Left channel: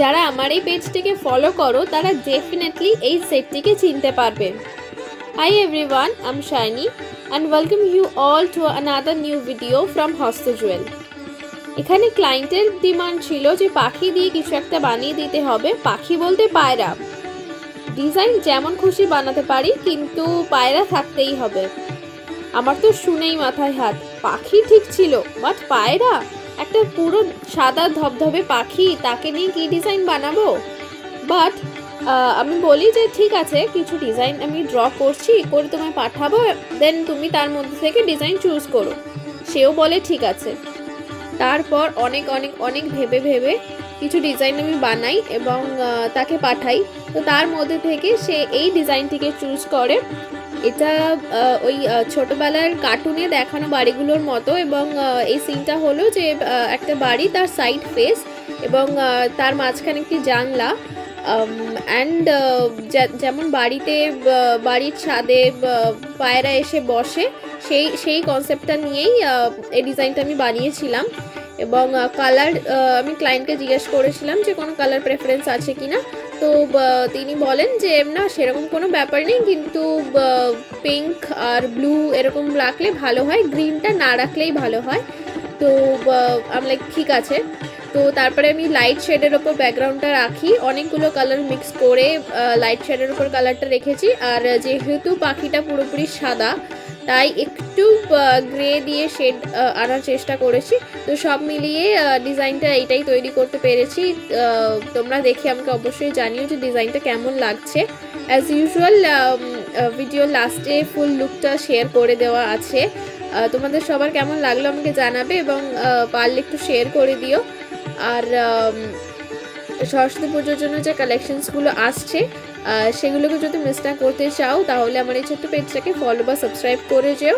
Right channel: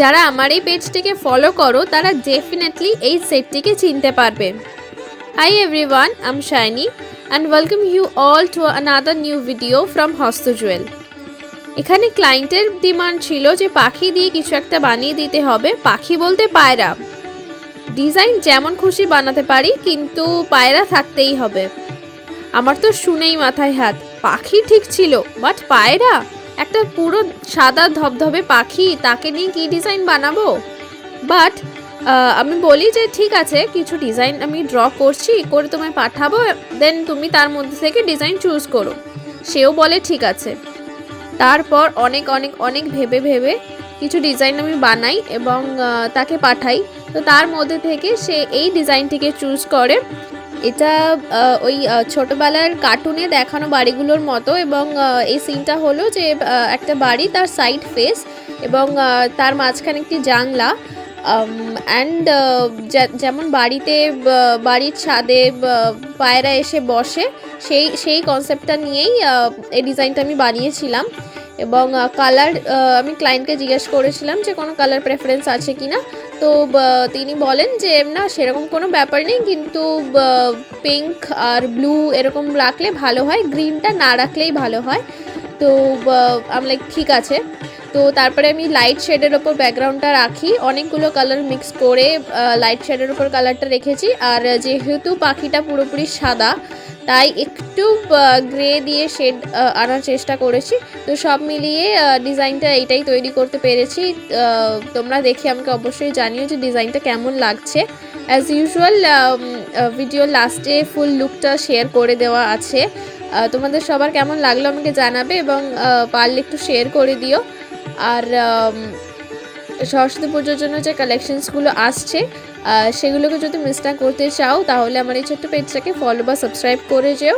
যারা আমার এই পেজটিকে ফলো করো তারা ডেফিনেটলি এই সেটটিকে চিনতে পারবে। Hi everyone, I am shiny and welcome you all to another new video from হস্ত জুয়েল। এখানে ক্লায়েন্টের ডিমান্ড ছিল যে পাখি দিয়ে কিছু একটা বানিয়ে দিতে হবে। পাখি বলতে পায়রা। ডিজাইন যেমন খুশি বানাতে পারি, কিন্তু পায়রা থাকতেই হবে। আমার তো শুনেই মাথায় হাত। পাখি ঠিক ছিল, বাট পায়রা, একটা পুরো সাদা ধবধবে পাখি, তাকে নিয়ে কি ডিজাইন বানাবো? বাট আমি বলি যে ঠিক আছে, কিছু ডিজাইন আমি ড্র করছি, করে তোমায় পাঠাবো, দেন তুমি তার মধ্যে থেকে ডিজাইন চুজ করো। সেও বলে ঠিক আছে। তারপর অনেক অনেক অনেক ভেবে ভেবে কিছু ডিজাইন আমি বানাই এবং তাকে পাঠাই। তো তার মধ্যে থেকে সে এই ডিজাইনটিকে চুজ করে। এটা ওই ছোটোবেলার কার্টুনে দেখানো বাড়িগুলোর মতো, এবং এই সিনটা হলো যে একটা বাড়ি, তার সাইড ফেস এবং তার মাঝখানে একটি জানলা। অ্যান্ড যেমন বাড়িতে বাড়ির ছাদে পায়রা এসে বসে, সেই কনসেপ্টটা নিয়েই এই ডিজাইনটা আমি বানিয়েছিলাম। এবং কালার আমি ক্লায়েন্টকে জিজ্ঞেস করেছিলাম যে কোনো কালার প্রেফারেন্স আছে কি না। তো তিনি বলেন যে না, সেরকম কোনো ব্যাপার নেই, কিন্তু পিঙ্ক আর ব্লু এরকম রাখলে ভালো হয়, গ্রিনটা না রাখলেই ভালো হয়। তো আমি লাইক ঠিক আছে। তো তারপরে আমি লাইট শেডের ওপর ব্যাকগ্রাউন্ডটা রাখি, অনেকগুলো কালার মিক্স করে লাইট শেডের ওপর কালারটা রেখেছি। আর যেহেতু পাখিটা পুরোপুরি সাদা, তাই একটু গ্রে দিয়ে শেড আনার চেষ্টা করেছি। তো সব মিলিয়ে ডিজাইনটা এইটাই তৈরি করতে পেরেছি। তোমরা দেখে আমাকে অবশ্যই জানিও যে ডিজাইনটা কেমন লাগছে। অ্যাজ ইউজুয়াল ভিডিও লাস্টে ফুল লুকটা শেয়ার করে দেওয়া আছে। তোমাদের সবার কেমন লাগলো আমাকে জানাবে, এবং পারলে একটু শেয়ার করে দিও। আর সরস্বতী পুজোর জন্য যে কালেকশনসগুলো আসছে, সেগুলোকে যদি মিস না করতে চাও, তাহলে আমার এই ছোট্ট পেজটাকে ফলো বা সাবস্ক্রাইব করে যেও।